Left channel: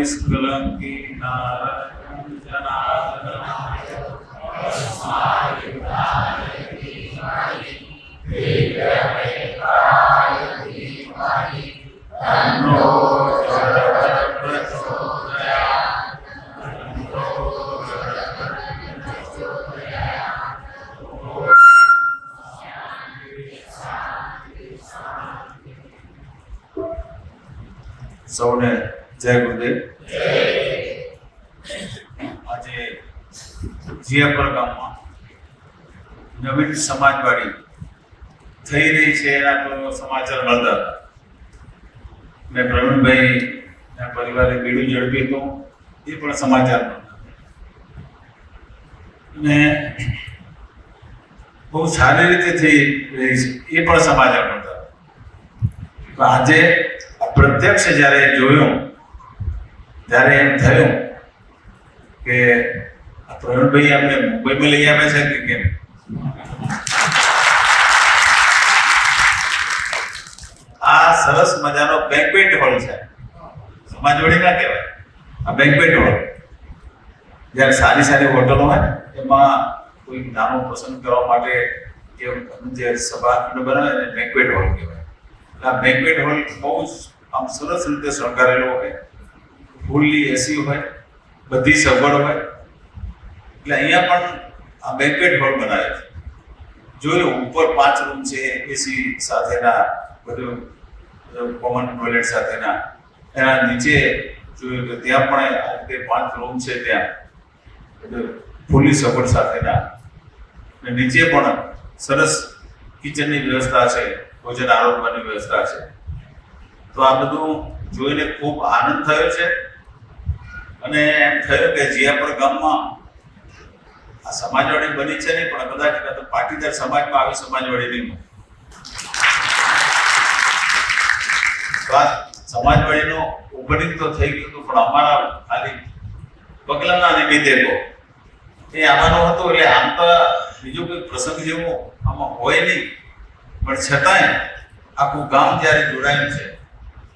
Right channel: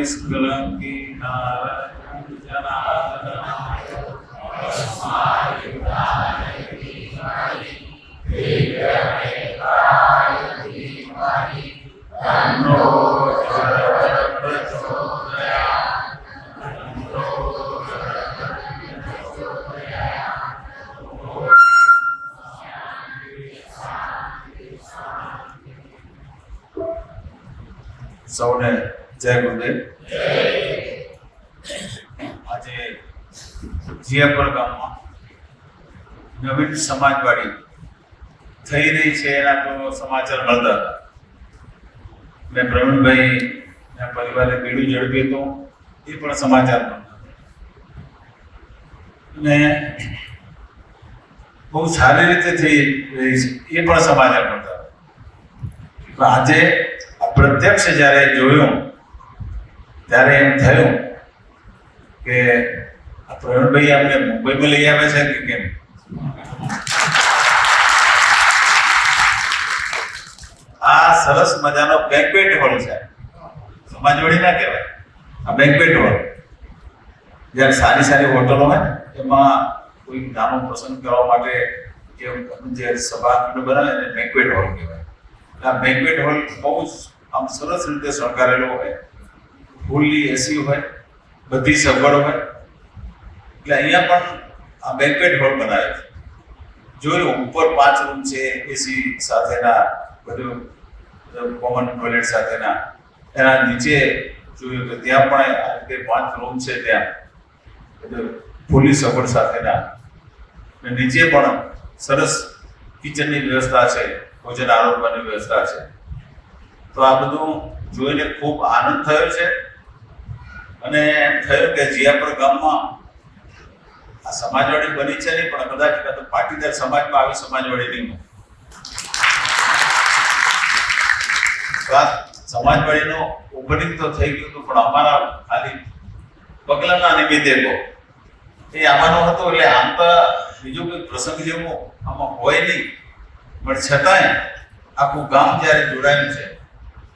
નિષ્કલંકી સૌને જય ગુરુદેવ. આજે જીયાપર ગામમાં નવીન સમાજવાડી થઈ રહી છે એના તો સમાચાર મળતા હતા. મેં પ્રવીણભાઈ પરિવારે બીડું ઝડપ્યું હતું, એ પણ સમાચાર મળતા. ને બહુ સારી રીતે થઈ રહી છે એ પણ સમાચાર મળતા. આજે પ્રત્યક્ષ જ્યારે જોયું ત્યારે એમ થયું કે આ પ્રવીણભાઈ અમને મુંબઈમાં લઈ આવે છે કે કેમ. આ સરસ મજાનો બેન્ક્વેટ હોલ છે, સમાજવાડી ના કહેવાય, આ બેન્ક્વેટ હોલ. જ્યારે સારી સારી હોટલો હોય એમાં કોઈ નાનો પ્રસંગ કરવા માટે જે સભાખંડ બનાવે ને બેન્ક્વેટ હોલ કહેવાય. આ બેન્ક્વેટ હોલ બહુ આમ સરસ રીતે શણગારેલો હોય, ફૂલની એસી હોય, બધી સગવડ હોય. એટલે અહીંયા પણ આ બેન્ક્વેટ હોલ બનાવે છે. જોયું ઉપર 5 રૂમ છે એસી સાથેના, બધું કોમન ટોયલેટ સાથેના. એના નીચે જોયું કે ત્યાં પણ આ રીતે 5 રૂમ છે, ત્યાં બધું ફૂલની સગવડ સાથેના. નીચે પણ સરસ કિચનની વ્યવસ્થા છે, ભોજન આરોગવાની વ્યવસ્થા છે. તો આ બધું જોઈને ખૂબ આનંદ થયો છે અને એમ થયું કે જીયાપર ગામમાં આ સમાજવાડી બની છે ને, પણ કદાચ પાટીદાર સમાજમાં આવી સમાજવાડી નહીં. સમાજવાડીનો ઓપનિંગ તો થઈ ગયું હતું, પણ અમારા ખાલી પગલાના નિમિત્તે એ આવવાનું હતું. એટલે આમ તો બીજો કોઈ પ્રસંગ જેવો આમાં હોય નહીં, પણ છતાંય આખું ગામ જ્યારે જોડાયું છે,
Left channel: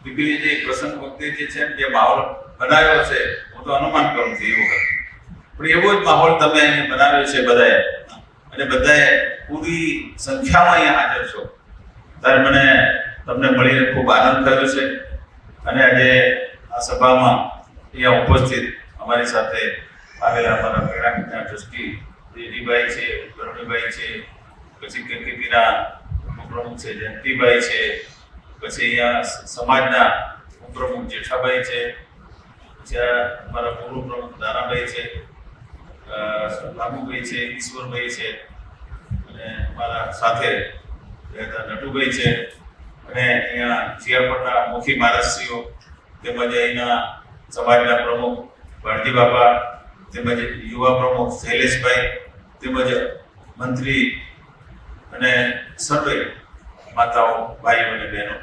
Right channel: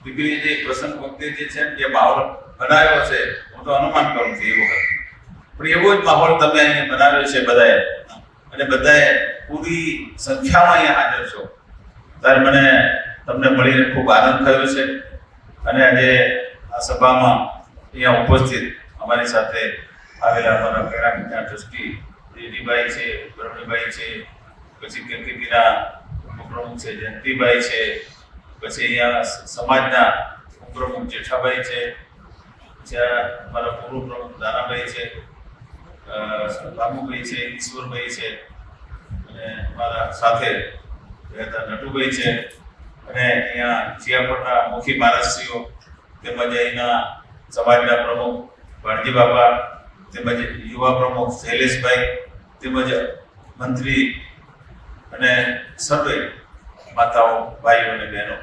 દીકરી જે પ્રસંગ વખતે જે છે જે માહોલ બનાવ્યો છે, હું તો અનુમાન કરું છું એ વખત પણ એવો જ માહોલ તમે અહીં બનાવ્યો છે બધાએ, અને બધાએ પૂરી સંખ્યામાં અહીંયા હાજર છો. ત્યારે મને તમને મળીને ખૂબ આનંદ થયો છે. અને આજે આ સભામાં અહીંયા ઉપસ્થિત અમારી સાથે આવેલા અમારા પેરામિટના ટ્રસ્ટી દેવીભાઈ છે, પ્રવીણભાઈ છે, પછી કેકેપીના પ્રમુખ છે જયંતિભાઈ છે, પછી અહીંયા સમાજના પ્રમુખ જેઠાભાઈ છે, પછી અમારા પૂર્વ પ્રમુખ દાનાભાઈ છે, રામુભાઈ છે, ઈશ્વરભાઈ છે, અને અમારા સાથે રહેતા નટુભાઈ છે, અને અહીંયા જીયાપરના મુખી મહારાજશ્રીઓ, તેમજ અહીંના સમાજના પ્રમુખ ભારતી બાબા, તેમજ યુવા પ્રમુખ શૈલેષભાઈ, તેમજ મંત્રી અને સર્વે માતાઓ, ભાઈઓ અને બહેનો.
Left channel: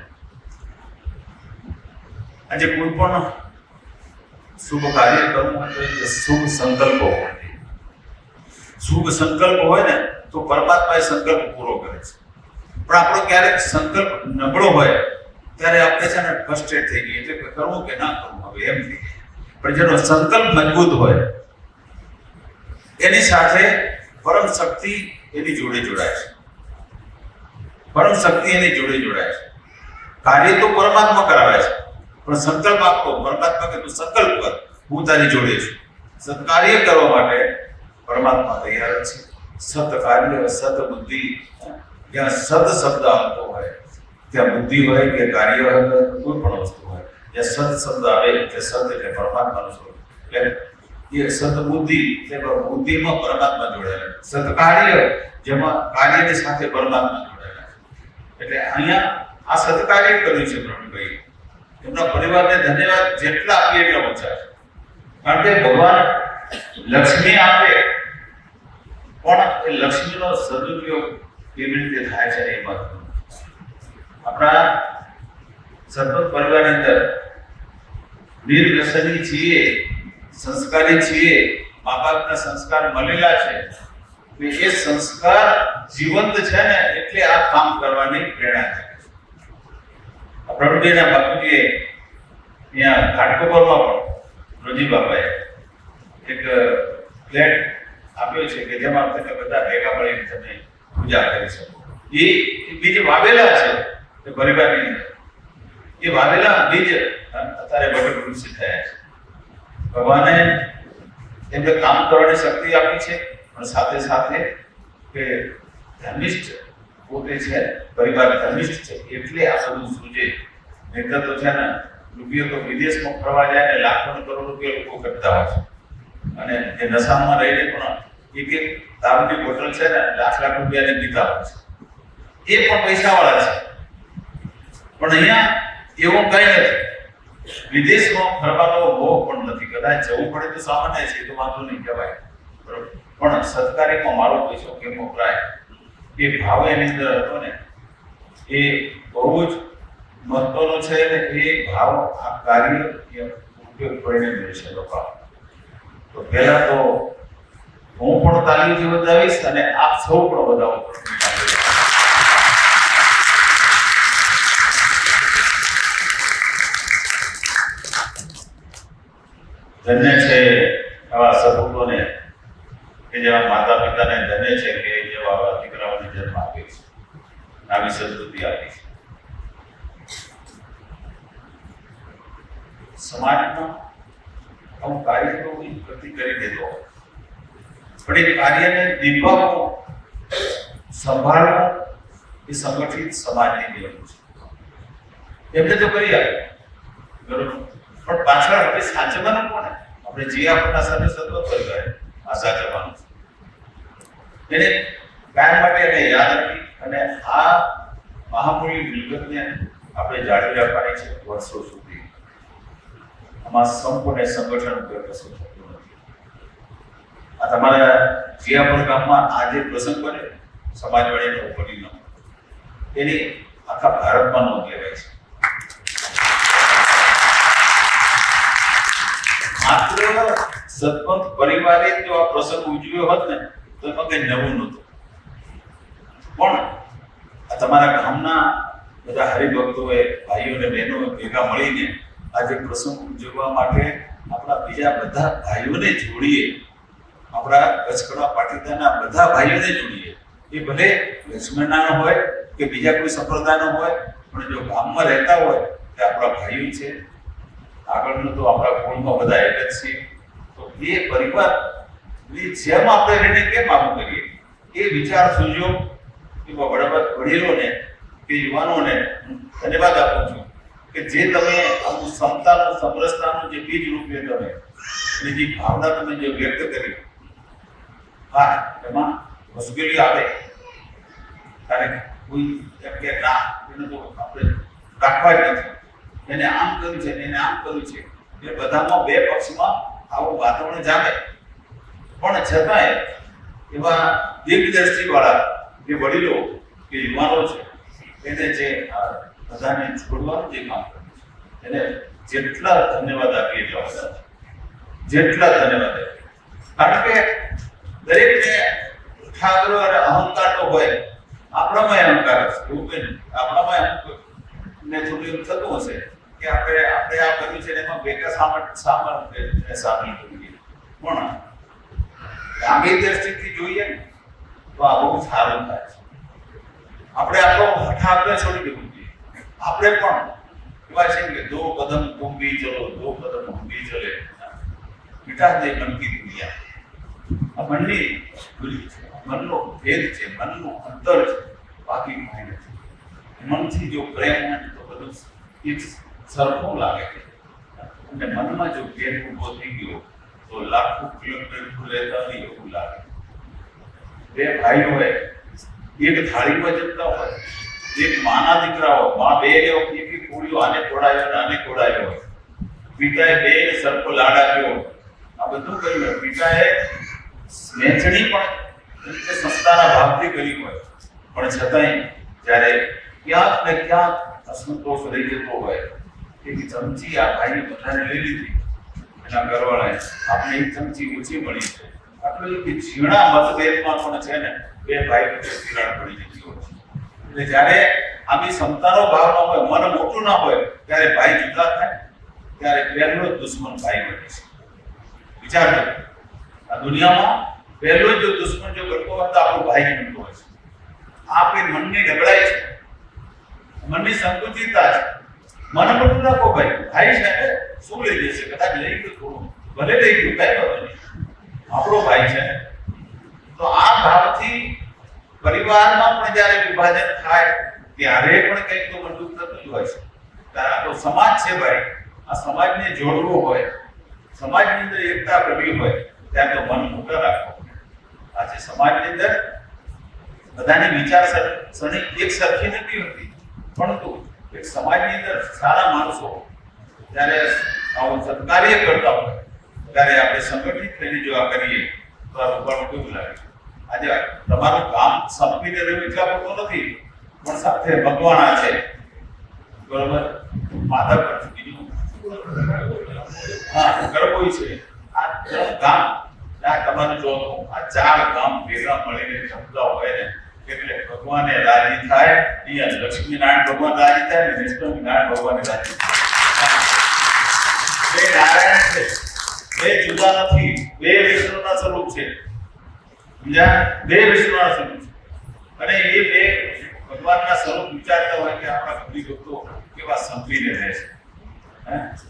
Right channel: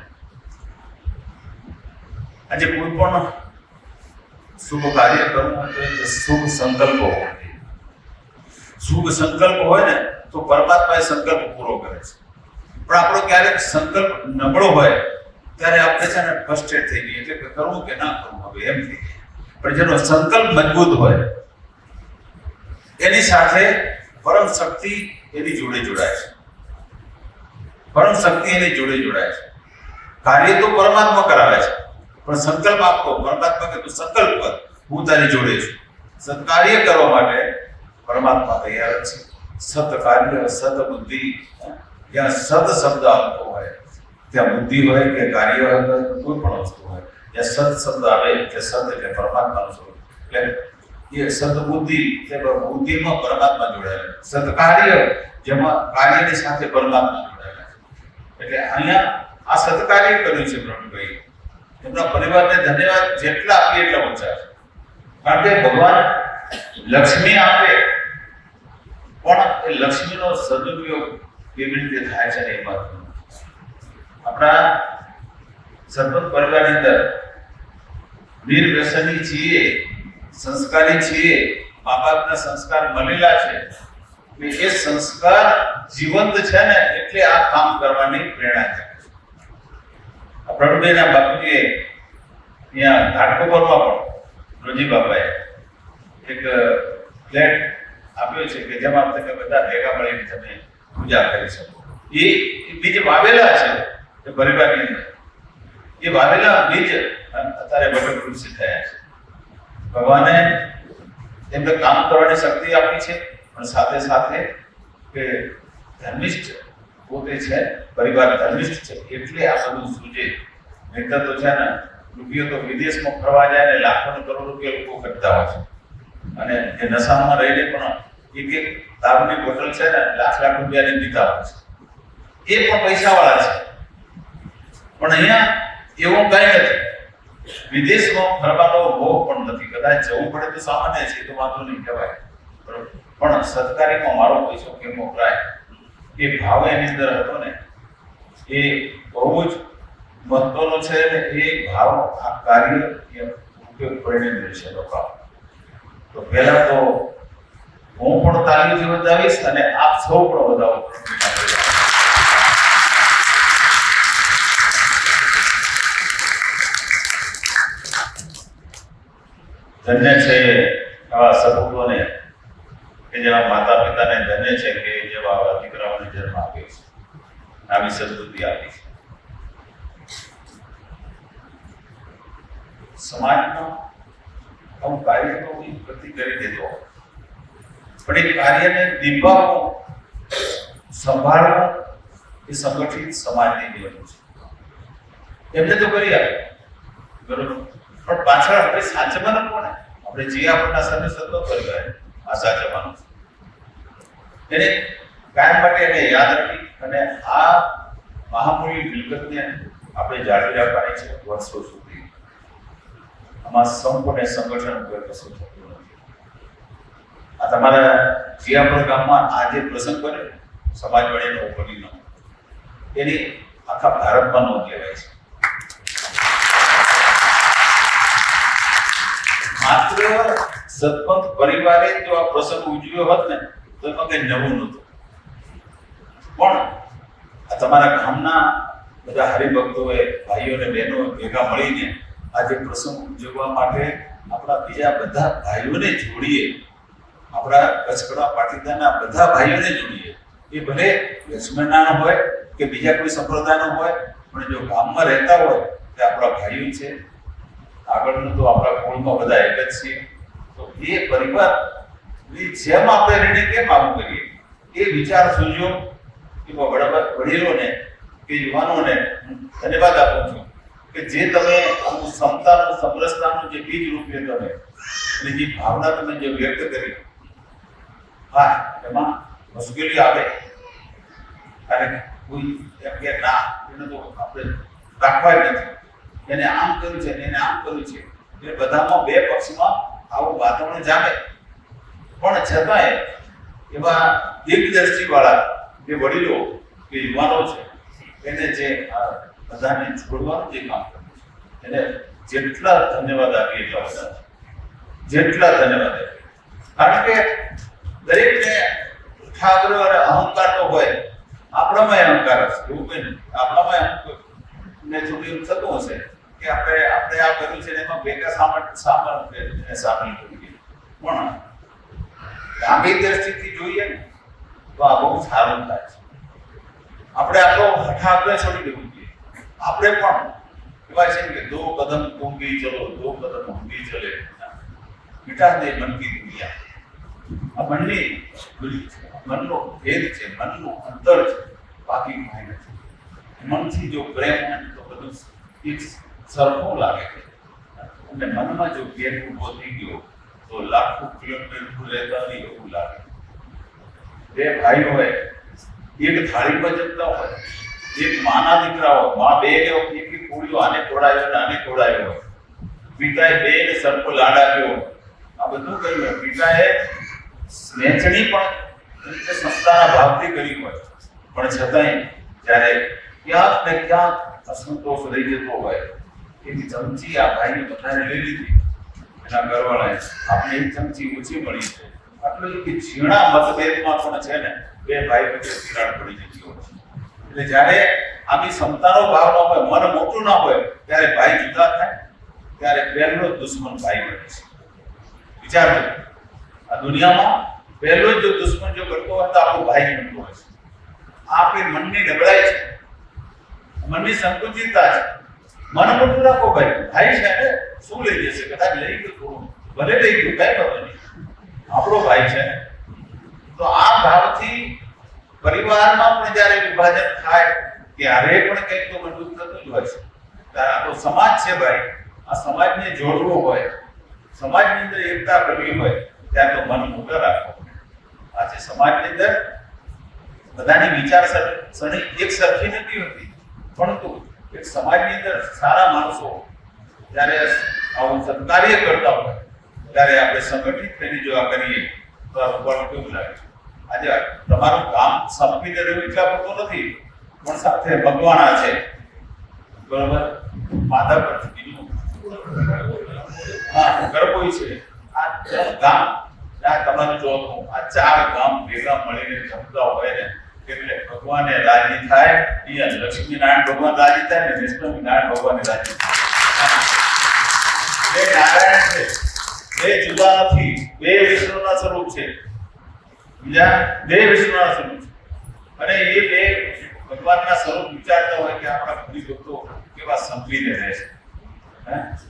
આજે કોઈ પણ શુભ કાર્ય કરવું તો શુભ સંકલ્પો હોય. શુભ સંકલ્પ હોય ને તો પરમાત્મા એ સંકલ્પ પૂરો કરે છે. પણ આપણો ક્યારેક સંકલ્પ નબળો હોય ત્યારે આપણે છે ને ફ્રસ્ટ્રેટ થઈ જઈએ, એટલે કરવું કે ના કરવું હવે એમ થઈ જાય. પણ જેનો સંકલ્પ મજબૂત હોય એની સાથે પરમ શક્તિ એની જોડે જોડાય છે. પરમ શક્તિ એની જોડે જોડાય છે. કાર્ય તો પરમાત્મા કરાવે છે, પણ સંકલ્પ આપતો પરમાત્મા કે તું સંકલ્પ કર, હું તારી જોડે છું. સત્કાર્ય કરવા માટે પરમાત્મા તૈયાર છે. સત કાર્ય, સત બુદ્ધિ, જ્યાં સત શબ્દ આવતો હોય ત્યાં બુદ્ધિ હોય કે કાર્ય હોય, કોઈ પણ વસ્તુ હોય, જ્યાં સત શબ્દ આવે એટલે સત એટલે પરમાત્માનું સ્વરૂપ. એટલે એ સત બુદ્ધિ એ બુદ્ધિમાં પરમાત્મા જોડાયેલા, સત કાર્ય જેમાં કાર્યની સાથે પરમાત્મા જોડાયેલા. એટલે અહીંયા આ સત્કાર્ય કર્યું છે પ્રવીણભાઈ. એમના પરિવારને ધન્યવાદ જેટલા આપીએ એટલા ઓછા છે. કારણ કે ભગવાન લક્ષ્મી આપે, પણ એ લક્ષ્મીનો સદુપયોગ કેવી રીતે થાય છે એ વાત. આપણા સરપંચ પરિવારની અંદર વીર વ્યસની છીએ, સંસ્કારી છીએ, મા બાપના સંસ્કાર મળેલા છે. એ સંસ્કાર જીવંત છે ને એટલે આ કામ કરવાની પ્રેરણા થાય છે. પ્રવીણભાઈના બાપુજીએ અહીંયા ઘાટકોપરમાં પણ રોજી બાબાએ એક ફ્લેટ આપ્યો છે કે જેમાં તમે બધા ભેગા મળીને તમે પૂજા કરી શકો. એ બીજ વાવેલા છે એ પરિવારની અંદર. એ વાવેલા બીજ અત્યારે વટ વૃક્ષ થયા છે. ભગવાને તેમને કામ કરવાની શક્તિ આપી છે, પણ સાથે સાથે કે ધર્મિષ્ઠ પોતે છે, પરિવાર ધર્મિષ્ઠ છે એટલે આ બધું સૂજે. નહીતર તો છે ને રૂપિયો તો વિદેશમાં ફરવા જાય ને લાખો ને કરોડ રૂપિયા લોકો કરતા હોય છે, અને એ નશામાં રહીને પણ એક દારૂની બોટલ છે ને લાખ રૂપિયાની પીતા હોય છે. એ પણ પૈસાવાળા છે. પણ અહીંયા એવું કઈ નથી. વિદેશમાં ફરવાનો મોહ પણ નથી. કદાચ જવું પડે તો સામાન્ય છે, તો વાંધો નહીં કહેવાય. પણ સત્કારીમાં મારો પૈસો કેમ વપરાય એ ભાવ એની અંદર હતો ને, એ બહુ જ મહત્વનો છે. એ ભાવ આ કાર્ય ઉપયોગ કરીને મળશે લોકો. તો પહેલા તો હું પણ તાલીમ બતાવીશ અને આપ સૌ પણ બતાવો. ધન્ય છે આવા સપૂતોને કે જેવા માતા પિતાને ધન્ય છે કે જેવા આવા દીકરાઓને જન્મ આપ્યો છે, આવી સદબુદ્ધિ આપી છે. સમાજમાં અમુક કાર્યક્રમોની પ્રતિ કરી દેતો હોય, પણ એ કાર્યને નિભાવવો, સંભાળવો એ સંગઠિત સમાજની નિયમ છે. એમને તો કરી આપે બરોબર, પણ પાછળ આપણે સાચવવાનું કોને? આપણે જે આપણા સાથે સતત કરી ગયા આ સાચવવાનું છે. એને કાયમ માટે એને યાદ રાખી અને આ મહામૂલ્ય મિલકતને આપણે જાળવી રાખવાની છે વર્ષો સુધી. આમાં સંપૂર્ણ સંગઠન કોઈ કશું થતું નથી. આ તમારા જીયાપુર ગામમાં આ જે પ્રસંગ બને સમાજવાડીના ઉપરીમાં, એની આખા ભારતમાં નોંધ લેવાય છે. માત્ર સતપંથ પરિવારે જો આ પ્રસંગ ઉજવ્યો હોત ને તો એમાં કઈ નવું નહોતું. પણ આ તમારા ગામના બધા હરિભક્તોએ, ભાઈઓ અને બહેનો ભેગા મળીને આજે પ્રસંગ ઉજવવા માટે આપણા બીજા બધા ભાઈઓને જોડીએ, આપણા કચ્છકડા પાટીદારના બધા ભાઈઓને જોડીએ. એ ભલે લક્ષ્મણના હોય કે બીજા કોઈ સંપ્રદાયનો હોય, પણ જો ગામમાં રહેતા હોય કે આપણા ભાઈઓ છે, આગળનું તો આપણા કુળમાં બધા એક જ છે. તો એ પરિવારની જેમ આપણે એને કેમ કામ કરીએ એ વિચાર સૂઝ્યો કે વડીલોને કે યુવાનોને ધન્યવાદ આપું છું કે જે તમે સમતાનું, સમરસતાનું જે બીજ રૂપે તમે એની જે ભાવના તમે જે વ્યક્ત કરી. હા, એમાં મુશ્કેલી આવે ત્યારે કોઈ એમ કે ના એને તો આપણે રાખવા જ નથી, એને આમ કર્યું છે એને આમ કર્યું છે, એ બધામાં બે પક્ષમાં આવું વાતાવરણ જામે. પણ છતાંય એવા દિગ્દ્રષ્ટિ વાળા જે વડીલો કે યુવાનો છે એને જે બધાને છોડવાનું જે કામ કર્યું છે એને જેટલા ધન્યવાદ આપીએ એટલા બધા છે. જેટલા ધન્યવાદ આપીએ, કારણ કે દરેકને ઠાકર અને અહંકાર તો હોય. આપણામાં અહંકાર હશે એવું કઈ નથી. આપણામાં ને થોડું એવું થતું હશે કે આપણે આ કર્યું છે એમાં બેકા સામેલ કરીએ. પણ લાંબી દ્રષ્ટિથી જોઈએ ને તો આ બહુ સારું થાય છે. આપણે આપણો આપણે છોડી દેવું જોઈએ. આપણે પણ એવા છે કે દો કદમ તુમ ભી ચલો, દો કદમ હમ ભી ચલે, મિટા દે મન કી દુનિયા. આ મનની ભૂલી છે, મનનો ભેદ છે, મનનું અંતર છે, બાકી કંઈ નથી. મનથી જો પ્રેમ હોય તો બધું એક સરખું લાગે છે. અને મનમાં જો પ્રેમ ઉભો થઈ ગયો તો લાખો કિલોમીટર દૂર રહેતા હોય એવું લાગે. બે ભાઈ હોય, એક થાળીમાં જમતા હોય, એક માના દીકરાઓ, મા બે એક કુળીઓ, આને ખોડાવ્યો ને આને ખોડાવ્યો, પિતાએ બે સરખો લાડ આપ્યો. આ બધું કર્યું. પિતાએ વહેંચણી પણ સંસ્થાના ભાવથી કરી હોય, પણ છતાંય જ્યારે ક્યાંક ને ક્યાંક અસંતોષ રહી જતો હોય, એક ચમચી આ ભાઈને બધાને લઈ લીધી, એના ઘરવાળાએ આપણે એક ચમચી ઓછી મળી છે. આટલું કે ઝીણા મતભેદમાં પણ છે ને બે ભાઈ વચ્ચે તિરાડ પડી જતી હોય છે. એટલે જ્યારે આની ક્ષમતાનો ભાવ ન હોય, મન મોટું ના હોય, ત્યારે ભાઈ જુદા થાય, ત્યારે પહેલો દુશ્મન ભાઈ બને છે. વિચારજો, આ દુનિયામાં પહેલો જો દુશ્મન જો કરતો હોય તો આપણો ભાઈ બનતો હોય છે. આપણી મનની નબળાઈ છે, મનની સંકુચિતતા છે. મન પર રાખો ભાઈ છે શું લઈ જશે, કદાચ લઈ ગયું થોડું, ભલે લઈ ગયું કઈ વાંધો નહીં, આપણો ભાઈ છે. તો આ ભાવથી પરિવારમાં પણ જ્યારે વિભાજન થાય ત્યારે પણ કંઈક તો બધું થતું જ હોય છે. આ તો સમાજ છે ભાઈ, આ સમાજને જોડવો હોય, સમાજની અંદર એકતા કરવી હોય ત્યારે તો મન મોટા રાખવું. આજે સમાજની અંદર બધાની વિચારસરણી એક સરખી નથી હોતી, પરંતુ એક સમાજની અંદર સારા માણસો જ્યારે આવું સત્કાર્ય કરતા હોય ત્યારે આપણે સંગઠિત થઈને જો આ કરીએ તો આ બળ કેવું લાગે. આજે તમારું કામ સંપીને રહેવું એટલા પૂરતું નથી, પણ સાથે ભગવાન છે, બરોબર, માતા પર બીજું ગરબોઈ છે. આ ગામ તમારું જો આ 4 ગામ ભેગા મળીને જમતા હોય ને એટલે ભગવાને રાજી થાય. અહીંયા લક્ષ્મીનારાયણ ભગવાન રાજી થાય ને વિષ્ણુનારાયણ ભગવાન રાજી થાય. બે નારાયણ છે, બે જુદા નથી, બે વિષ્ણુના સ્વરૂપ છે. બીજા બે વિષ્ણુના સ્વરૂપ છે અને એ બે ભગવાનના સ્વરૂપ વિચારતા હોય કે આપણા બધી ભક્તો કેવા સંપીને રહે છે.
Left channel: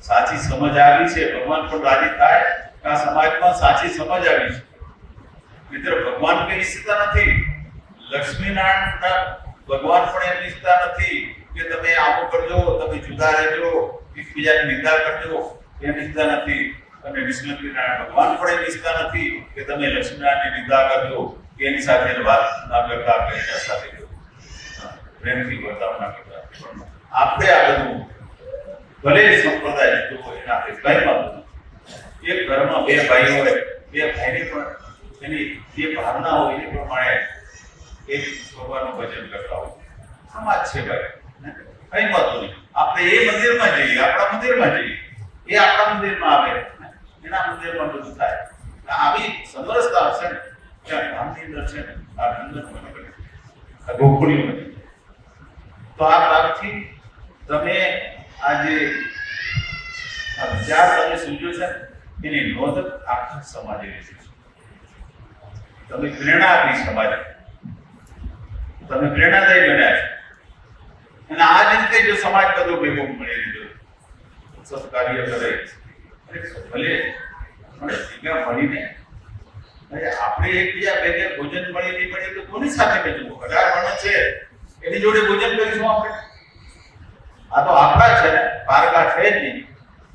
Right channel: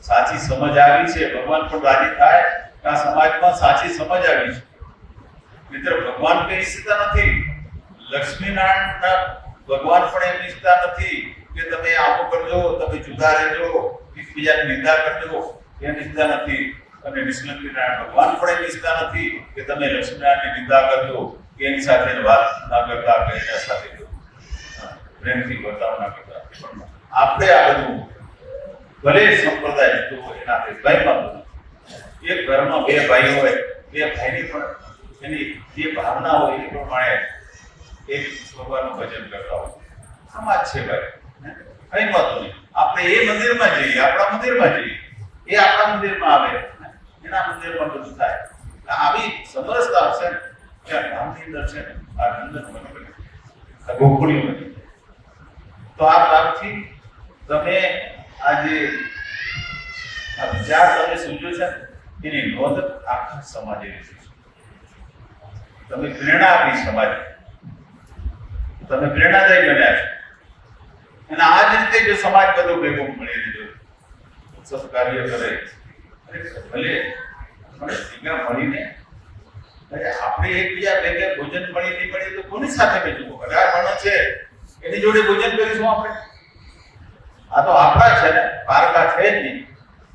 સાચી સમજ આવી છે, ભગવાન પણ રાજી થાય. આ સમાજમાં સાચી સમજ આવી છે. મિત્ર, ભગવાન કઈ ઈચ્છતા નથી, લક્ષ્મીનારાયણ ભગવાન પણ એમ ઈચ્છતા નથી કે તમે આવું કરજો, તમે જુદા રહેજો, એકબીજાની નિંદા કરજો, એમ ઈચ્છતા નથી. અને વિષ્ણુનારાયણ ભગવાન પણ એમ ઈચ્છતા નથી કે તમે લક્ષ્મીનારાયણની નિંદા કરજો, એની સાથે વાત ના કરતા, એની સાથે પ્રેમથી વર્તાવ ના કરતા. આપણે આ બધું ભલે સંપ્રદાય જુદો હોય એના ઘરમાં એક ઘરમાં બે ભાઈ હોય, બે ભાઈની પણ એની જે ભાવના હોય એ પ્રમાણે એક ભગવાનનું ભજન કરતા હોય. સમાજ છે ભાઈ, કઈ વાતો નહીં. આપણે એ મંદિરમાં જઈએ, આપણા મંદિરમાં જઈએ, એ આપણા મંદિરમાં આવે, એના મંદિરમાં બધું થાય. આવી સમરસતા છે ને ત્યાં ગામની અંદર છે ને આ અંદર આ ગોખુડી મંદિર. તો આ બાબતથી તમે આજે વિચાર તમે સૂચવ્યો છે એની નોંધ આખા સમાજે લીધી છે. તમે પ્રેરણા આપી સમાજને, તમે પ્રેરણાદાયી બન્યા છે. અને આ જ રીતે જો સમાજ બધો ભેગો મળી દીધો સત્કાર્ય કરે ભલે ભેગા મળીને આપણે એકબીજા ભેગે ભોજન મળી નહીં મળે તો કોની સાથે બેઠું 18 માણસ છે એની જોડે ભોજન કરીશું આપણે. આ તો આપણા છે ને, પારકા છે જ નહીં,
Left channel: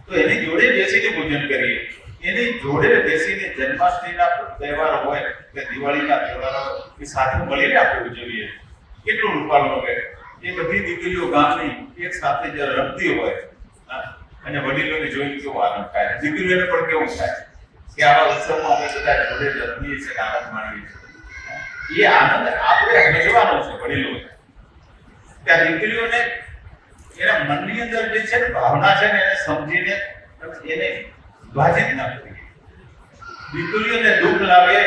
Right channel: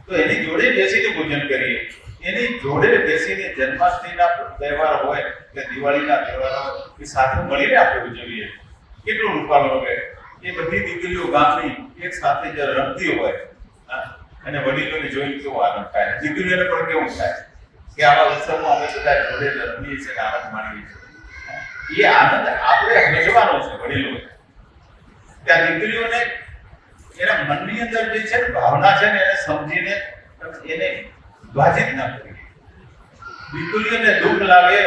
તો એની જોડે બેસીને ભોજન કરીએ. એની જોડે બેસીને જન્માષ્ટમીના તહેવાર હોય કે દિવાળીના તહેવારો એ સાથે મળીને આપણે ઉજવીએ. કેટલું રૂપાળું હોય. એ બધી દીકરીઓ ગામની એક સાથે જ રમતી હોય અને વડીલોને જોઈને કેવો આનંદ થાય, દીકરીઓને પણ કેવું થાય કે આવા ઉત્સવમાં અમે બધા જોડે રમીએ છીએ, આનંદ માણીએ છીએ. એ આનંદ આપણે મેળવવાનો છે વડીલો. ત્યાં દીકરીઓને એના મનની અંદર જે છે ને ભાવના છે ને એને સમજીને એને વિભાજિત ના કરીએ. દીકરીઓને દુઃખ લાગે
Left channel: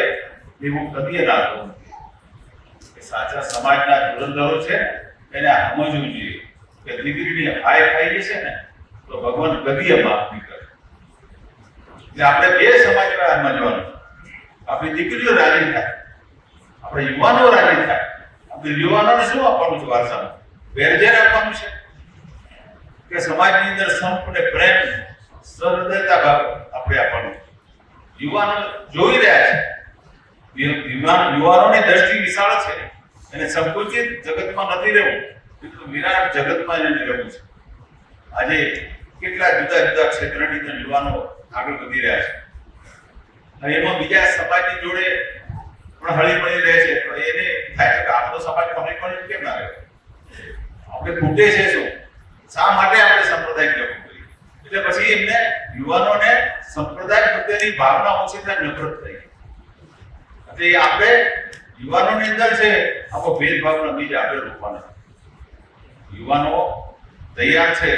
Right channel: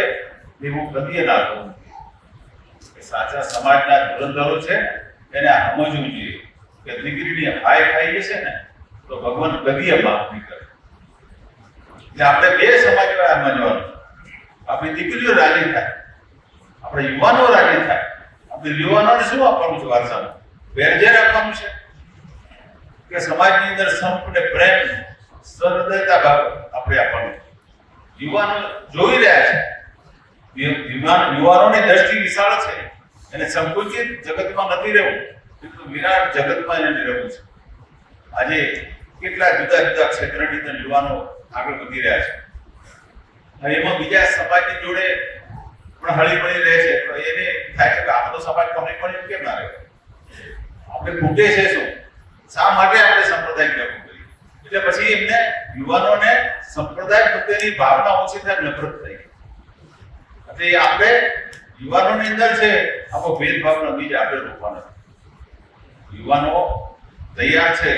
એવું કદી ના કરવું. સાચા સમાજના ધુરંધરો છે એને સમજવું જોઈએ કે દીકરીની હાય ખાઈ જશે ને તો ભગવાન કદી માફ નહીં કરે. એટલે આપણે બે સમાજ સમજવાનું. આપણી દીકરીઓ રાજી થાય, આપણે યુવાનો રાજી થાય. આપણે યુવાનોને શું આપવાનું છે વારસામાં? વેરઝેર આપવાનું છે કે સમાજની અંદર સંપ અને પ્રેમ સહૃદયતા ભાવ આપણે આપવાનું. યુવાનો જોઈ રહ્યા છે, યુવાનોની દ્રષ્ટિ વિશાળ છે, એને સંકુચિત જગતમાં નથી રહેવું, વિરાટ જગતમાં એને રહેવું છે. આજે કેટલા જુદા જુદા ક્ષેત્રની અંદર યુવાનો આગળ વધી રહ્યા છે. એમાં બીજા સમાજની જોડે પણ હળી મળી રહે છે, પણ એને થાય છે કે આપણો સમાજ કમી પણ કેમ ના રહે? આપણે ખૂટે છે શું? શા માટે આપણે સંપ્રદાય કેવું કરીએ? એટલે પછી એમને યુવાનોને સંપ્રદાય પ્રત્યેની ભાવના ઓછી થાય, નફરત થઈ. એટલે આપણે યુવાનોની અંદર છે આપણો ભેદભાવનો બીજ આગળ રોકવાનો. યુવાનો તૈયાર છે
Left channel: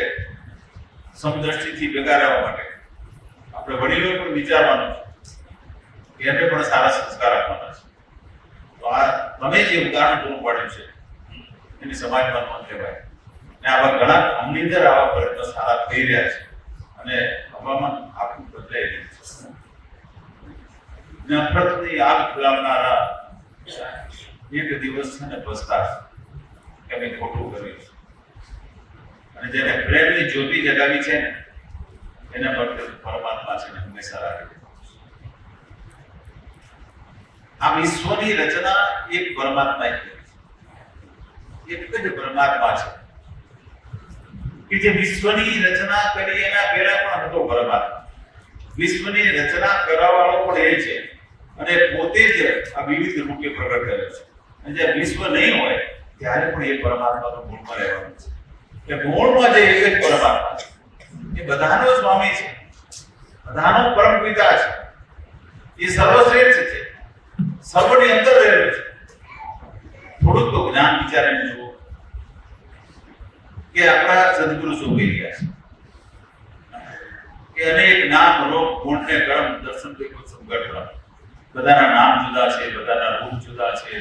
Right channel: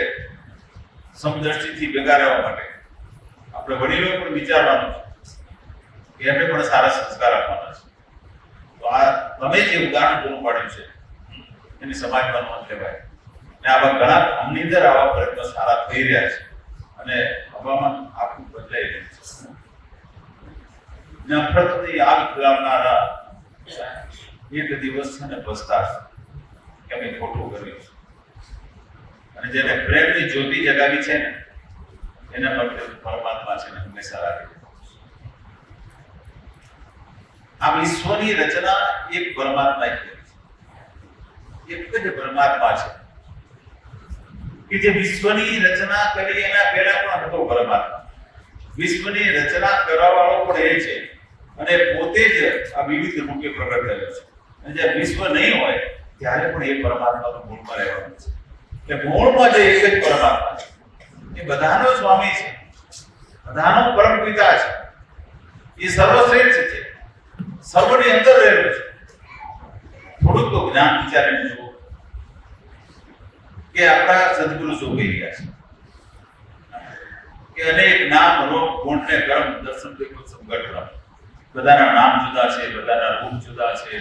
સમદ્રષ્ટિથી ભેગા રહેવા માટે. આપણે વડીલો પણ વિચારવાનું છે, એમને પણ સારા સંસ્કાર આપવાના છે. તો આ તમે જે ઉદાહરણ પૂરું પાડ્યું છે એની સમાજમાં નોંધ લેવાય. અને આવા ઘણા ગામની અંદર આવા પ્રયત્નો સારા થઈ રહ્યા છે અને હવામાન આખું બદલાઈ રહ્યું છે. નફરતની આગ ફેલાવનારા એક દિવસ છે ને પસ્તાય કે મેં ખોટું કર્યું. અને જેને પ્રેમની જ્યોતિ જગાવી છે ને એના માટે પરમાત્મા છે ને હંમેશા રાખે. આ વિશ્વની રચના એક પરમાત્માએ કરી છે. એક જ પરમાત્મા છે કે જે વિશ્વની રચના કરી એના પહેલા પણ હતો પરમાત્મા. વિશ્વની રચના કરવાવાળો પણ એ છે અને પોતે જ આ વિવિધ રૂપે પ્રગટ થયો છે. અને જે વિશ્વ નહીં હોય ત્યારે પણ એ પરમાત્માનો મૂળમાં રહેવાનો છે. કે મૂળમાં જે એક જ પરમાત્મા છે એ બધાનો સ્વામી છે, બધાનો પરમ પિતા છે, એ સર્વશ્રેષ્ઠ છે, સર્વની અંદર રહેલો છે. થોડુંક તો જ્ઞાન વિચારીને જુઓ કે આપણા સદગુરુ શું કહી રહ્યા છે કે અનેક નામ રૂપ ગુણ ને કર્મ દર્શન દેખો સંગઠન. બધાના નામ જુદા છે, બધાના રૂપ જુદા છે,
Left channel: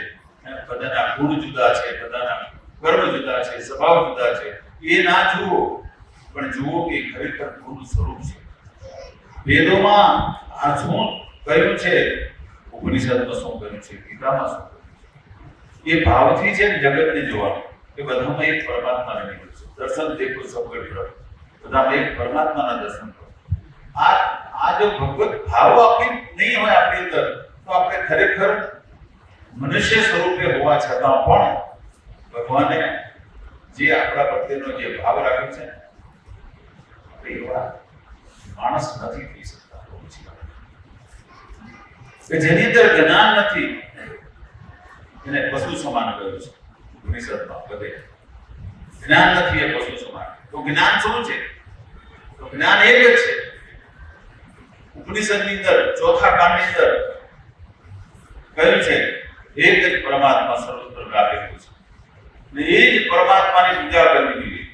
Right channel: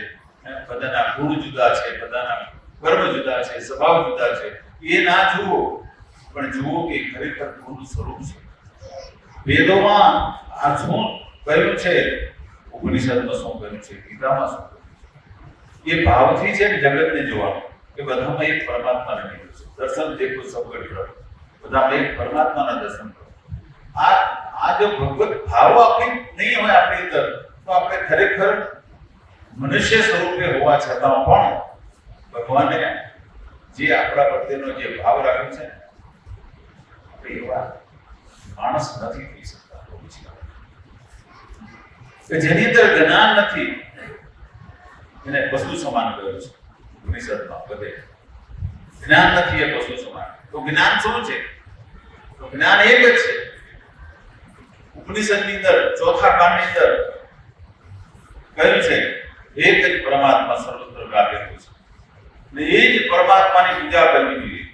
બધાના ગુણ જુદા છે, બધાના કર્મ જુદા છે, સ્વભાવ જુદા છે. એ ના જુઓ પણ જુઓ કે ખરેખર ગુણ સ્વરૂપ છે. વેદોમાં આ શું કહ્યું છે, ઉપનિષદમાં શું કહ્યું છે, ગીતામાં શું કહ્યું છે, એ ભાવથી છે જગતને જોવાનું કે બધામાં એક પરમાત્મા રહેલું છે. દર્શન દેખો સંગઠન, બધામાં એક પરમાત્માના દર્શન કરો. આ જો ભગવત ભાવ આપણી નહીં હોય આપણી અંદર તો આપણે ખરેખર મનુષ્ય સ્વરૂપે હોવા છતાં પણ ભગવાને જે આપણા પ્રત્યેનો જે ભાવ રાખ્યો છે એવા માણસ નથી થઈ શકતા. જેની અંદર જ્ઞાન નથી એને પશુ સમાન કહ્યું છે ઉપનિષદમાં. બધે જ્ઞાન નથી એ પશુ સમાન. તો જ્ઞાન શું છે? તો જ્ઞાન એક જ છે. ઉપનિષદની અંદર ચોથા કાંડની અંદર કહ્યું છે એક જ પરમાત્મા સર્વત્ર વ્યાપેલું છે ને એ જ પરમાત્માની પૂજા કરવી જોઈએ.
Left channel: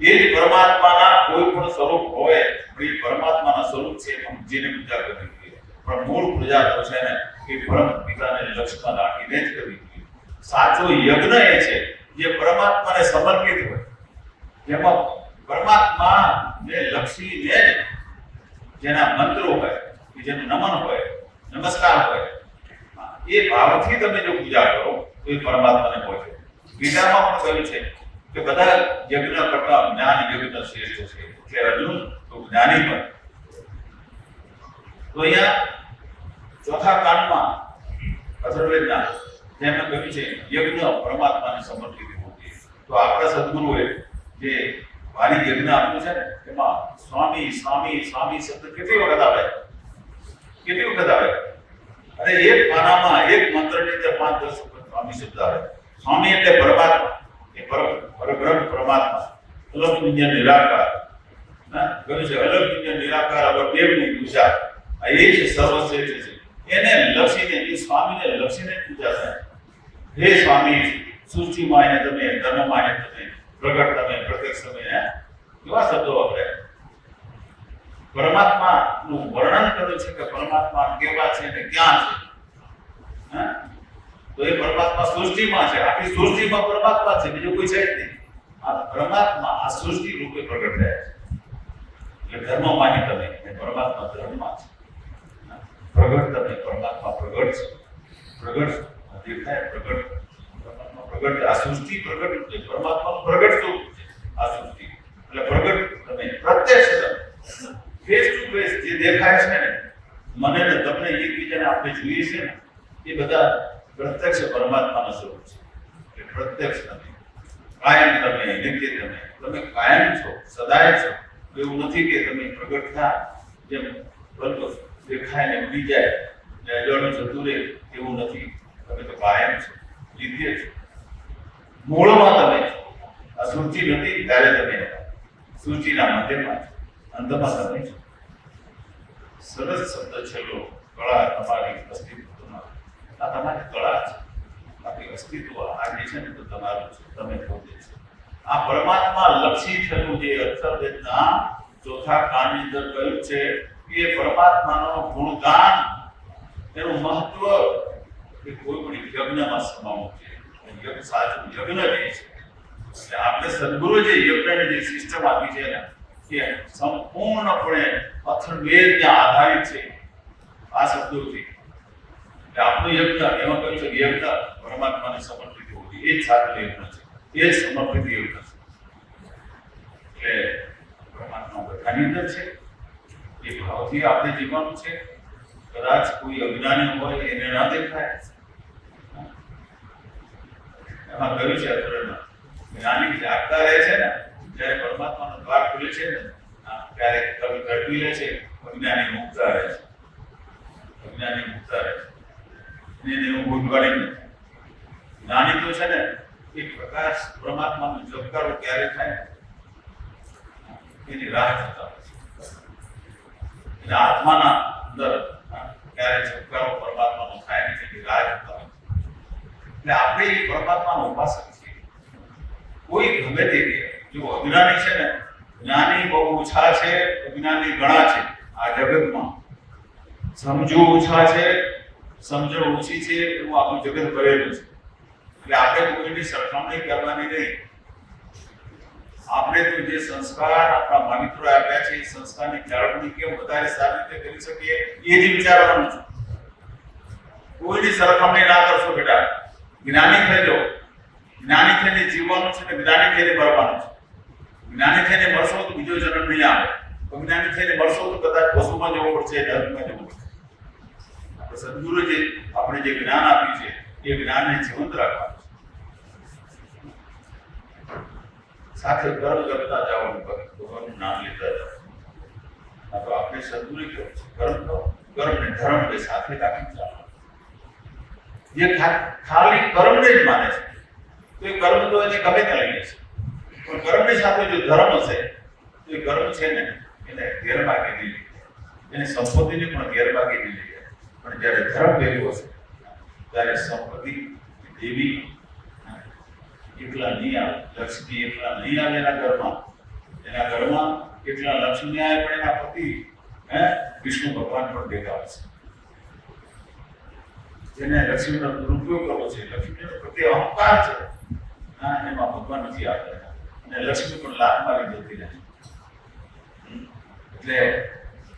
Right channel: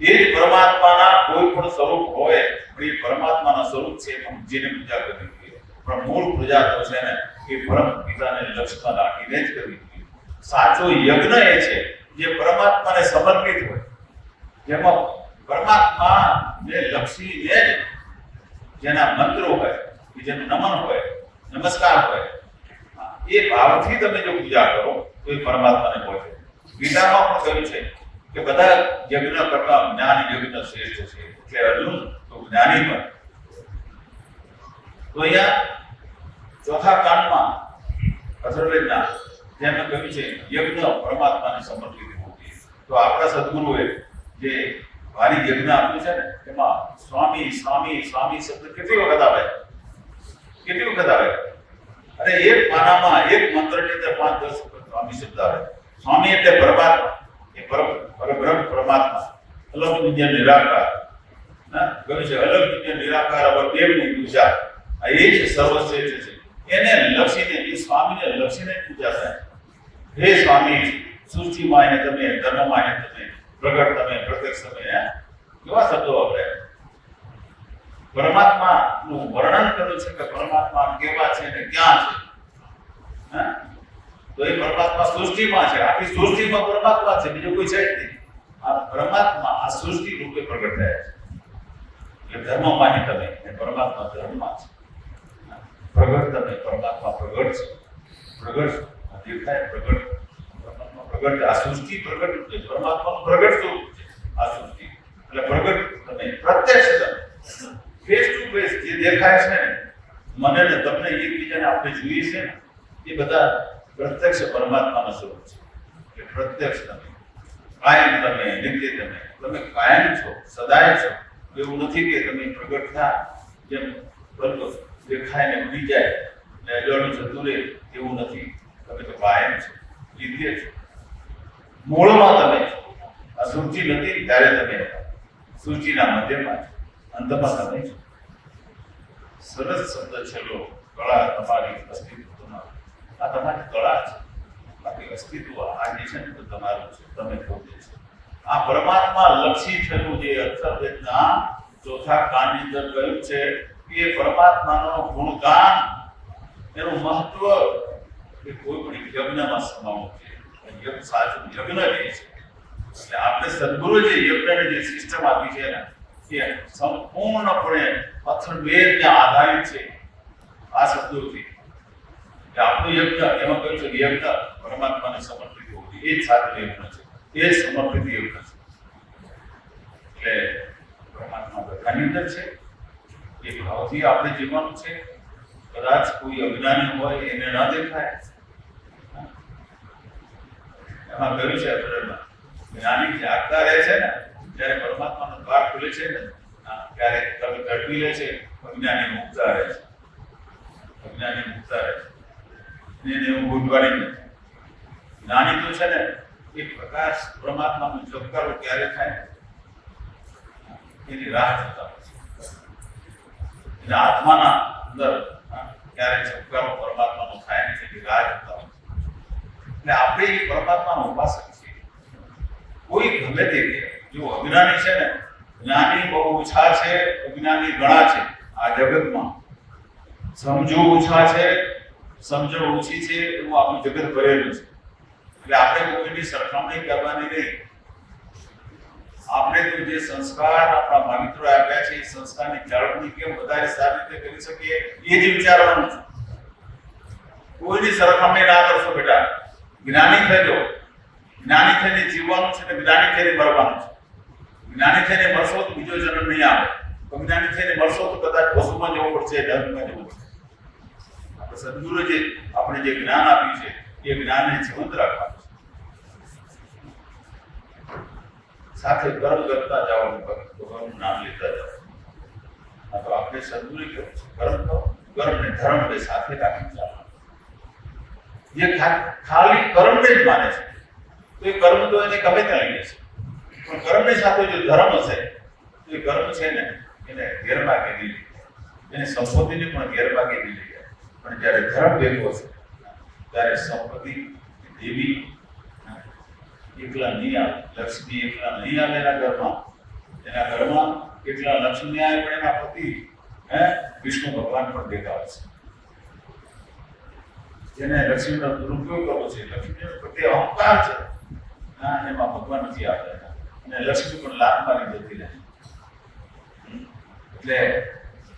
એ જ પરમાત્માના કોઈ પણ સ્વરૂપ હોય એ પરમાત્માના સ્વરૂપ છે જેને પૂજા કરવી જોઈએ. પણ મૂળ પૂજા તો છે ને એ પરમ પિતાને લક્ષ્યમાં રાખીને જ કરવી જોઈએ. સાચો યજ્ઞ એ છે જે પરમાત્માને સમર્પિત હોય, જેમાં પરમાત્માને લક્ષીને જ જેના મંત્રો હોય, જેનું નમન હોય, નમસ્કાર હોય, એ ભાવથી તમે જો પૂજા કરો તો એ પરમાત્માને પહોંચે. ગીતામાં પણ કહ્યું છે કે બધા યજ્ઞ કરતા જ્ઞાન યજ્ઞ શ્રેષ્ઠ છે. એટલે અર્જુન તો જ્ઞાની પણ. તો અહીંયા ચોથા કાંડમાં અથર્વવેદના જેમને કહ્યું છે યજ્ઞ પરમાત્માને સમર્પિત હોવું જોઈએ. તો આપણા સદગુરુએ જે ભારી યજ્ઞ આપ્યું છે ને એમાં સ્વામી સ્વામી સ્વામી શબ્દ કેટલી વખત આવે? કેટલી વખત આવે? અરે એક પાનામાં એક મંત્રની અંદર 5-10 વખત સ્વામી શબ્દ આવે. સ્વામી એટલે પરમાત્મા, એ પરબ્રહ્મ પરમાત્મા, અલગ વિજ્ઞાન નિરાકાર. કહ્યું છે અલગ વિજ્ઞાન નિરાકાર અલગ દેવની પૂજા આ એ જ સર્વશ્રેષ્ઠ છે. એને લક્ષીને, એ સ્વામીને લક્ષીને પૂજા થાય. હે સ્વામી સૃષ્ટિમાં એને તમે, ધર્મમાં એને તમે, પ્રગટ તમે, પ્રત્યક્ષ તમે, કેવા શબ્દો વપરાય. પરમાત્માનું વર્ણન કર્યું છે કે પરમાત્મા કેવા છે ને ક્યાં છે. તો એ પરમાત્મા સૃષ્ટિમાં છે. આખી સૃષ્ટિમાં પરમાત્મા છે, બીજો કોઈ છે જ નહીં. આ પરમાત્મા આ સૃષ્ટિ રૂપે પ્રગટ થયા છે. એટલે ધર્મમાં તમે, પરમાત્મા ધર્મમાં છે. પ્રગટ તમે, પરમાત્મા પ્રગટ છે. પ્રગટ દેખાય, પ્રગટ પ્રગટ. આ સૃષ્ટિ પ્રગટ છે, પરમાત્મા પ્રગટ સ્વરૂપ છે આ સૃષ્ટિ. એટલે પ્રગટ તમે, પ્રત્યક્ષ તમે, ફેસ ટુ ફેસ જે દેખાય છે ને મને ને તમને એકબીજાને આપણે જોઈએ છે ને એ બધા પ્રત્યક્ષ પરમાત્માના સ્વરૂપ છે. કે પ્રત્યક્ષ તમે, કાયમ તમે, નિત્ય તમે, તમે કાયમ છો, સદાય છો. એવું નથી કે તમે પ્રગટ થયા જેમ બનતો દેખાય ને ઉડી જાય ને ગણું જતું રહે, એવું નથી. તમે તો કાયમ છો, નિત્ય છો. મૂળમાં તમે આ સૃષ્ટિ નથી ત્યારે તમે સૃષ્ટિના મધ્યમાં છો, અંતમાં તમે છો. સરસ શબ્દ છે લો, કળા તમારી અસ્તિત્વમાં. આ તમારી કળા છે, બાકી અસ્તિત્વ આ જે છે ને તો તમારું છે, તમે પોતે છે. આ પરમાત્મા લક્ષી થયું જે અથર્વવેદના ચોથા કાંડની અંદર કહ્યું છે કે પરમાત્માનો ગુણગાન એનું મહત્વ એ કોઈ પણ યજ્ઞમાં સમાવું છે. યજ્ઞ સાચું યજ્ઞ રહે છે. એટલે આપણે સદગુરુ જે યજ્ઞની જે સિસ્ટમ આપી છે ને એ સંપૂર્ણપણે અથર્વવેદના આધારિત છે. આ શબ્દોથી આપણું યજ્ઞ એમાં કહ્યું છે યજ્ઞ પરમાત્માને સમર્પિત હોવું એ જ સાચું યજ્ઞ છે, એ જ સમર્પિત યજ્ઞ છે. એટલે પરમાત્મા બધાની અંદર છે, એ ભાવથી આપણે જીવવાનું છે. કદાચ કોઈ અજ્ઞાની હોય એને ના દેખાય. એમાં કહ્યું છે જ્ઞાની જાગતા રહે છે ને જ્યારે પરમાત્માનો દ્વાર ખુલે છે ને ત્યારે કવિ ઘડવી લે છે, અજ્ઞાની મુક્તા રહે છે. અજ્ઞાની મુક્તા રહે છે, એને એવું ભૂલવાની નથી. જ્ઞાની તો છે ને એ પ્રકાશ પરમાત્માનું જપકારો ક્યારે થાય એની રાહ જોતા હોય છે. એટલે આત્માના અંદર ક્યારે જપકારો પરમાત્માનો થાય ને એની રાહ જોતા હોય છે. એટલે આપણે એ પરમાત્માનો ઉપાસક છીએ. કોઈ ગમે તે જો અજ્ઞાની છે ને, જ્ઞાની બહુ ઓછા છે, અજ્ઞાની ઘણા છે આ જગતમાં. સમજો ઓછા છે, સમજણ ઓછી છે એવું આપણું જગત ભરેલું છે. એટલે આપણે કોઈની સરખામણી કરવાની નહીં. આપણે તો જે સંસ્કાર આપણા મહામિત્રો આપ્યા છે એ સંસ્કારની જાળવણી કેમ વધારે સારી રીતે કરી શકીએ એ જ વિચારવાનું છે. કોઈની સરખામણી ના કરશો બેટા. જ્ઞાની થજો, જ્ઞાની થઈને જીવવાનું છે ને જ્ઞાની થઈને મરવાનું છે. જ્ઞાની થઈને મરશો તો બીજો જન્મ નહીં આવે. જ્ઞાની થઈને મરશો તો કદાચ પશુમાં જવું પડશે, ધર્મમાં જવું પડશે. સદગુરુ જે આપણે જે જ્ઞાન આપ્યું છે એ જ્ઞાનને જીવંત રાખવાનું છે. સાથે કર્મ કરતા જવાનું, ભગવાનનું નામ લેતા જવાનું. તો આપણે સદગુરુ કર્મ કર્મ ધર્મ એ સાથે રાખી જવાનું. જે ખાલી કર્મને જ માને છે તો એ કર્મ તો એને ગમે ત્યાં લે છે, પણ કર્મની સાથે જો ધર્મ હશે તો એ કર્મ છે ને એને ગેરમાર્ગે લઈ લે, એને સંપત્તિની પણ ગેરમાર્ગે લઈ લે. પણ જ્યારે ધર્મ ભેગો છે ત્યારે સંપત્તિ દેવી એકલા નહીં આવે, લક્ષ્મી એકલા નહીં આવે એના ઘરમાં. એના ઘરમાં એકલા લક્ષ્મી આવે પણ એના પતિ વિષ્ણુ ભગવાન પણ દેખાય છે. જેને લક્ષ્મીનો દુરુપયોગ કરવો છે, લક્ષ્મીનો પ્રત્યે અહંકાર છે, એમાં ભગવાન નથી આવતા અને લક્ષ્મી પણ લાખ મારી જતી રહે. એટલે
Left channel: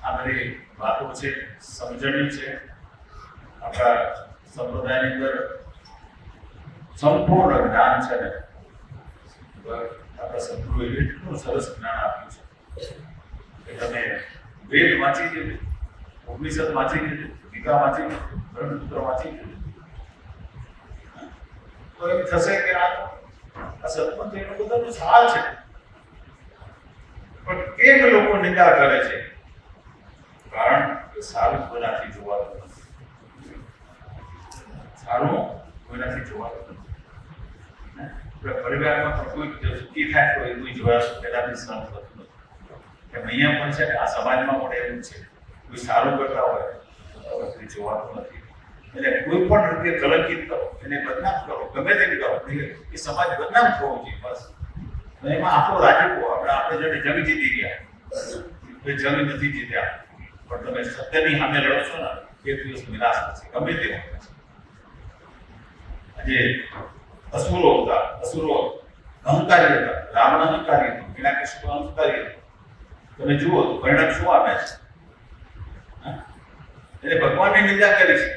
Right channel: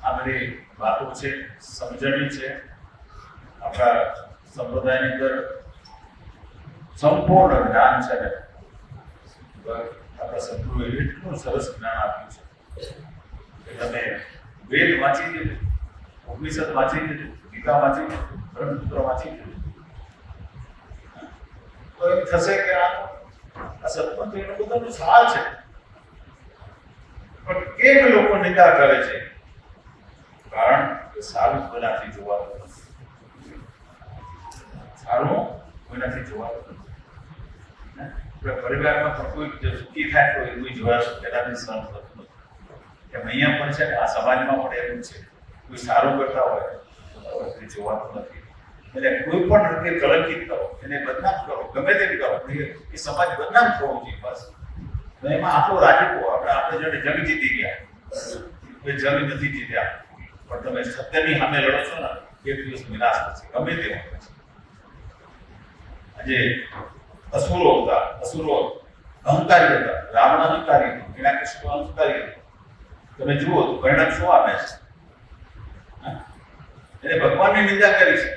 આપણી વાતો છે, સમજણી છે. આપણા સંપ્રદાયની અંદર સંપૂર્ણ જ્ઞાન છે ને આપણા સદગુરુએ એટલું સરસ જ્ઞાન આપ્યું છે કે તમે વેદ વાંચી લીધું, ઉપનિષદ વાંચી લીધું, ગીતા વાંચી લીધું, બ્રહ્મસૂત્ર વાંચી લીધું, તો એમ થશે કે આ સત્પંથ એટલું બધાનું સાર છે. પણ કેમ લોકો નિંદા કરે છે? કારણ કે સારું કોનાથી જોવાનું, સારું કોનાથી જોવાનું. પરિવારમાં પણ કોઈ સુખી થાય તો એવું જોવાનું પેલાથી સહન થતું નથી. નિયમ પણ છે ને આ સમાજમાં માટે એવું છે, કોઈ સારું કરતા હોય તો જોવાનું નથી. એટલે કોઈ પણ રીતે કલંકિત કરો, એને બદનામ કરો, ગમે તેની કરો, એ સમાજ બદનામ થવો જોઈએ બસ. એમાં આપણો રાજીપો, આપણે જેને જંગ જીતી ગયા એ જંગ નથી જીત્યા, પણ તમે સત્યની સામે લડો છો ને એક દિવસ નિરાશ થશે, ગમે તે આજે અસુરો હતા, અસુરો અહંકારી હતા, રાવણ અહંકારી હતો, હિરણ્યકશિપુ અહંકારી હતો. તમે જુઓ તો પરિણામ શું આવે છે? એને ભગવાનની નિંદા કરી છે.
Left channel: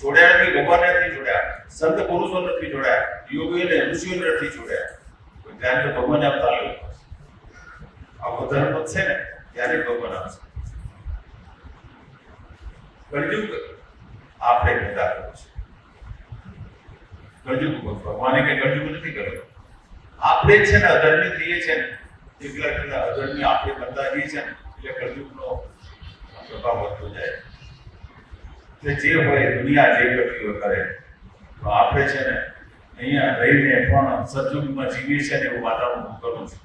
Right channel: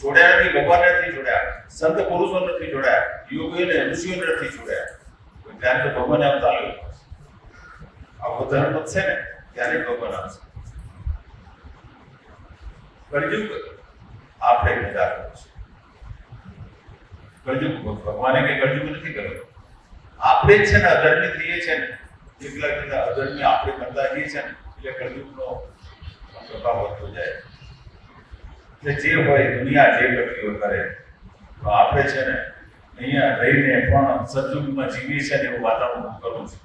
જોડ્યા નથી, ભગવાન નથી જોડ્યા, સંત પુરુષો નથી જોડ્યા, યોગીઓને ઋષિઓ નથી જોડ્યા. ત્યારે તો ભગવાન આવતા આવ્યો. આવો ધર્મ છે ને ત્યારે ભગવાન આવશે. કળયુગ આપણે નિંદા કરો છો. કળયુગ ભગવાને કઈ કળયુગ નથી કર્યો. આપણે જ છે ને અધર્મી થઈએ છે ને, એકલા અધર્મી આપણે કરતા જઈએ છે ને એટલે કળયુગનો પ્રભાવ વધતો જાય. એટલે જે હોય દુનિયા જે કરતી હોય કરે, તો આપણે છે ને અહીંયા રહીને પણ સદયુગમાં જીવીએ છે ને એવું વાતાવરણ કરવું છે.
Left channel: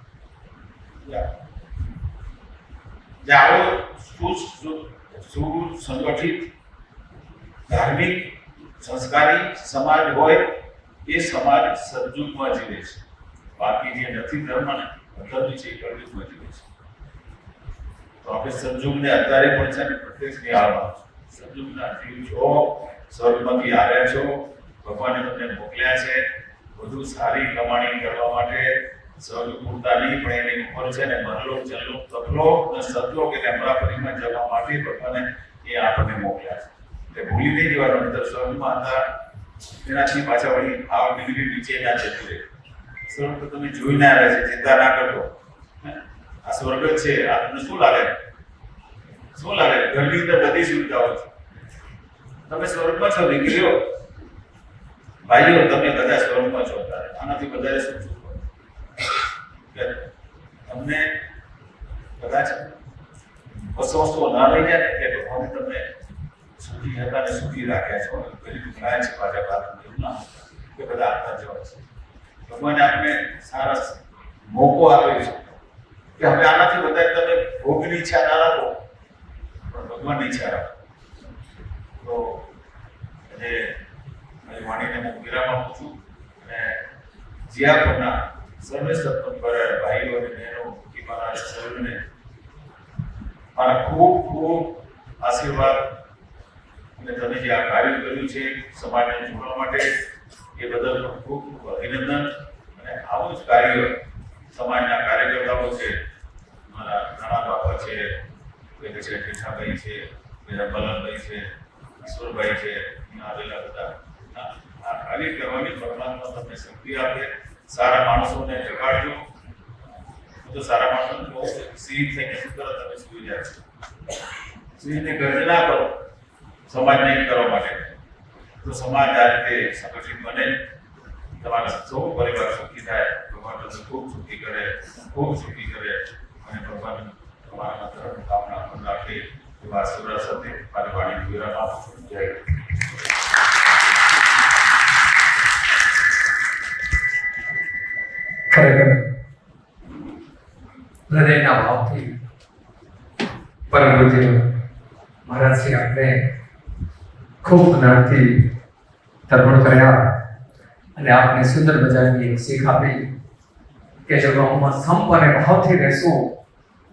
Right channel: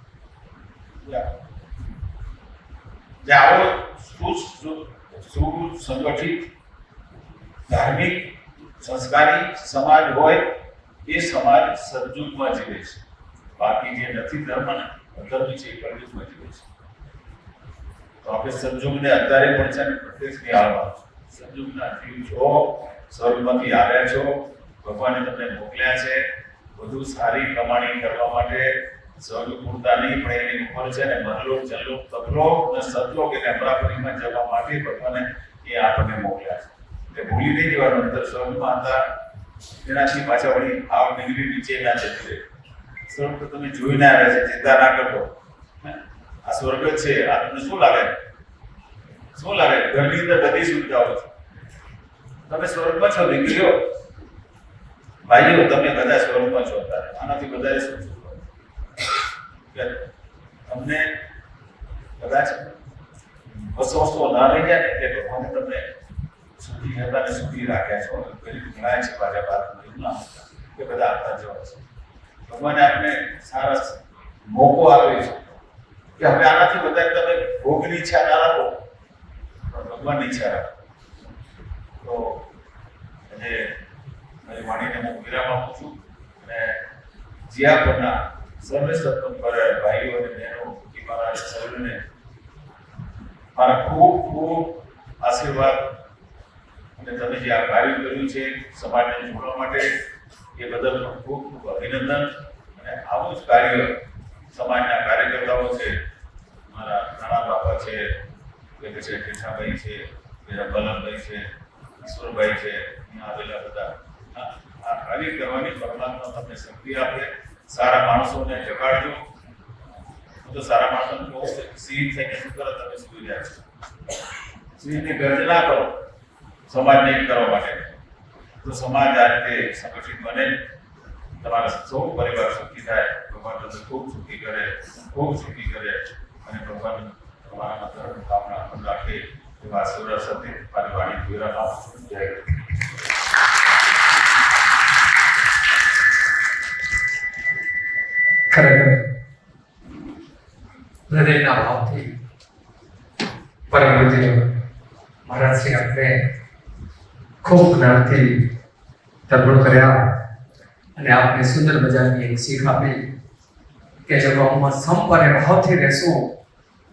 જે આવો સુસંગઠિત ધાર્મિક સંસ્કારી સમાજ હોય એ સમાજ સદયુગમાં જીવે છે. બાકી જે નથી ધર્મના અધર્મી છે એ કળયુગમાં જીવે છે. તો આપણે સદયુગને અત્યારે પણ છે ને પ્રત્યક્ષ નિહાળવા. સદયુગના જીવ છો, સ્વર્ગમાંથી આવ્યા છો, ભગવાને તમને મોકલ્યા છે વધુ સારી કમાણી કરવા માટે. સ્વર્ગ પૂરતા નહીં પણ એની ઉપર છે ને મરલોક, જનલોક, તપલોક અને સતલોક એટલે બરાબરીમાં જવા માટે ભગવાને એ આપણને મોકલ્યા છે. એટલે ભૂલી નહીં જવાનું અંદર સ્વર્ગમાં હતા એનાથી પાછા વળી આ ડિગ્રી નીચે ના જતી રહે. સ્વર્ગ તો તમે જોઈને આવ્યા છે, ચિંતા ના કરો. આ સ્વર્ગ છે. આ તમને શું લાગે? શું લાગે? ઘરની અંદર બધી સુવિધાઓ છે. તમે સ્વર્ગમાં છો દીકરીઓ, ભાઈઓ, તમે બધા સ્વર્ગમાં છો. આનાથી વધારે શું છે? તમને કદાચ વસ્તુ ના લઈ જાય ને એટલે ભગવાન તમને સુખી હતા ને સુખી રાખ્યા છો. પેલી ઘણા છે પાછા બાદ એ બધા આપતા જવા છે. ભગવાને આપણે સારા મોકો આપ્યો છે કે હવે આનાથી વધારે તમે ભોગની ઈચ્છા ના રાખો, પણ ભગવાનની ઈચ્છા રાખો. તો અને મારી વાણીને હું વિરામ આપું છું. અને જ્યાં પરના સર્વે સત્તમ કરે ભાઈઓ અને બહેનો મારા સર્વને મારા ખૂબ ખૂબ આશીર્વાદ. અને તમે જે આ કાર્ય કર્યું છે સમાજને જોડવા માટે એ બદલ ખૂબ ખૂબ અભિનંદન. અને આવું જ કાર્ય સમાજના કાર્યકર્તાઓ છે, મારા નાના બાપા છે, કૃષ્ણભાઈ છે, બલનભાઈ છે, ઈશ્વરભાઈ છે, આવેલા બધા આ કાર્ય કરવાની પરમાત્મા તમને શક્તિ આપે. સારા માણસોને જગાડજો. તો સારા માણસોને કહો સિંહ થઈને શું કરો? તમે સુઈ જાય છો. સિંહને ગર્જના કરો સમાજને કરવા માટે. તો સમાજ આ રીતે સંગઠિત બને, તમારા સૌ પરિવાર સુખી થાય. ભગવાન તમને ખૂબ સુખી કરે, ખૂબ સુખી કરે. અને ભગવાન તમારા કામના રાખે એવા આશીર્વાદ સાથે મારી વાણી વિરામ આપું છું. જય ખરેખર હૃદયના ભાવથી પરમ પૂજ્ય મહારાજશ્રી આપણે ખૂબ જ્ઞાનથી તર્પણ કર્યા અને આપને સુંદર મજાની એક શીખ આપી કે જો ગામમાં સંપ અને ભાવથી રહેશું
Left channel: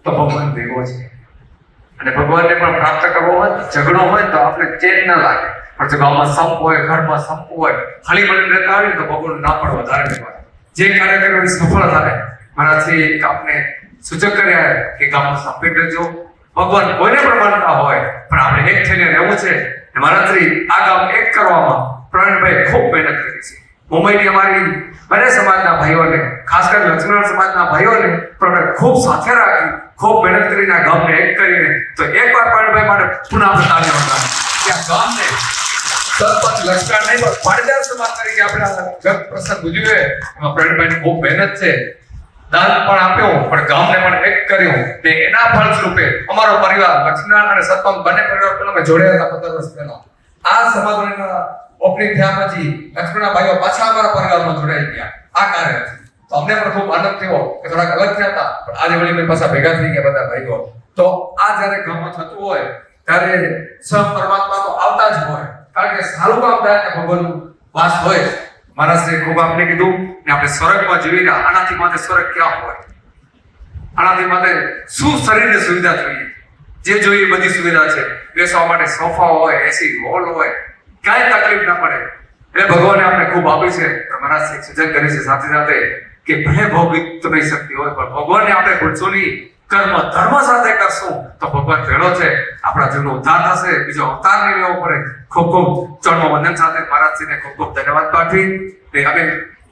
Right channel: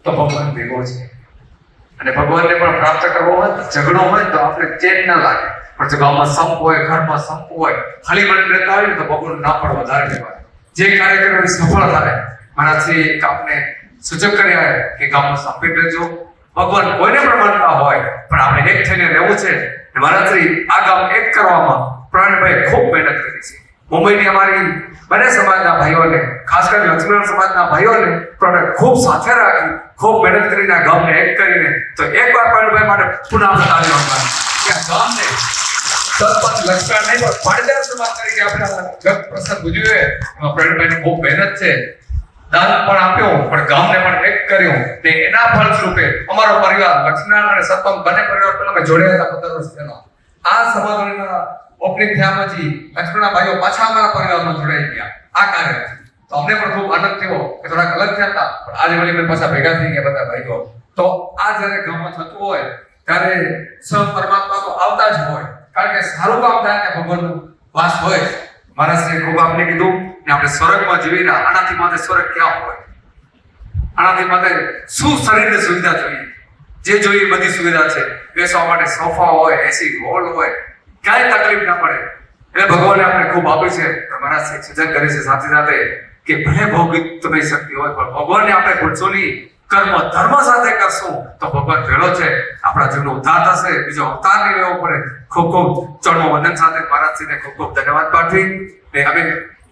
તો ભગવાન ભેગો છે. અને ભગવાનને પણ પ્રાપ્ત કરવો હોય, ઝઘડો હોય તો આપણે ચેન ના લાગે. પણ જો ગામમાં સંપ હોય, ઘરમાં સંપ હોય, હળી મળીને રહેતા હોય તો ભગવાન ના પણ વધારે લેવાય. જે કાર્યક્રમ સફળ થાય મહારાજશ્રી આપને સૂચક કર્યા કે ગામમાં સંપીત રહેજો. ભગવાન કોઈને પણ માનતા હોય પણ આપણે એક થઈને રહેવું છે. મહારાજશ્રી આ ગામ એક કરવામાં પ્રવીણભાઈ ખૂબ મહેનત કરી છે. મુંબઈની અમારી બંને સમાજના ભાઈઓને, ખાસ કરીને લક્ષ્મીનારાયણ સમાજના ભાઈઓને પણ ખૂબ સાથે રાખી, ખૂબ મહેનત કરીને આ ગામને એક કરીને. તો એકવાર પ્રવીણભાઈ માટે પુનઃ તાળીઓ પાડો કે આ ગામને સરપંચ લક્ષ્મીનારાયણ નહીં પણ પાટીદાર સમાજ તરીકે આપણે જગ પ્રસંગ ઉજવ્યો. એમાં પ્રવીણભાઈની ખૂબ મહેનત છે. દાન પણ આપ્યો પણ ગામને પણ એક કર્યું. ને એના ફળ સ્વરૂપે અમારો પરિવાર લક્ષ્મીનારાયણ અને સરપંચ બંને પરિવાર પહેલા અમે જોડ્યા હતા 15 વર્ષ પહેલા. આ સમાજના ઓપનિંગ થયા પછી લક્ષ્મીના ભાઈઓ પાછા અમારા પરિવારમાં જોડાઈ ગયા આ કાર્યથી. તો અમને પણ ખૂબ આનંદ થયો કે થોડાક અલગ થયા હતા પણ આજે વળી મેં પાછા ભેગા થઈ ગયા બધા ભાઈઓ. તો આ જ્યારે ગામમાં થતું હોય ત્યારે સ્વયં પરમાત્મા તો આવતા જ હોય, કારણ કે સારું કામ થાય ને ભગવાનનો વાસ હોય. મહારાજશ્રીએ ખૂબ આપને કીધું ને આપણે સ્વર્ગમાં જીવીને આનાથી માટે સ્વર્ગ ક્યાં હોય? આનાથી માટે શું શરીરની સુવિધા જોઈએ? જે જોઈએ બધી સુવિધા છે. બેસવા માટે સોફા હોય, એસી હોલ હોય, ક્યાંય તકલીફ ના પડે. એટલે ભગવાને આપણે ખૂબ આપી છે. મહારાજશ્રી સૂચન કરે છે સાથે સાથે કે ભલે ભોગિત નહીં શક્તિ હોય પણ ભગવાનને આપણે ભૂલશો નહીં. કર્મ ધર્મ સાથે કરશું તો ભગવાન ભેળો છે. આપણા જીવનો ઉદ્ધાર થશે, બીજો અવતાર નહીં લેવો પડે. ખૂબ ખૂબ ચરણમાં વંદન સાથે મહારાજશ્રીને ખૂબ ખૂબ ધન્યવાદ પાઠવી. અમે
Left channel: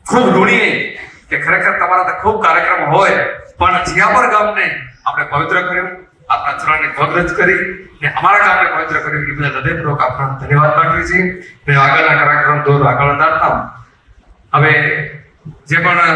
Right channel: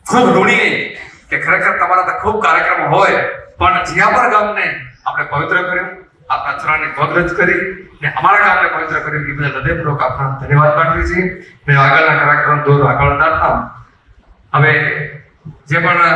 ખૂબ ઋણી કે ખરેખર તમારા તો ખૂબ કાર્યક્રમ હોય પણ જીયાપર ગામને આપણે પવિત્ર કર્યું, આપણા ચરણને પવિત્ર કરી ને અમારા ગામને પવિત્ર કર્યું. એ બધા હૃદયપૂર્વક આપણા ધન્યવાદ પાઠવી છીએ. આગળના કાર્યક્રમ દૂર આગળ ના હતા. હવે જે પણ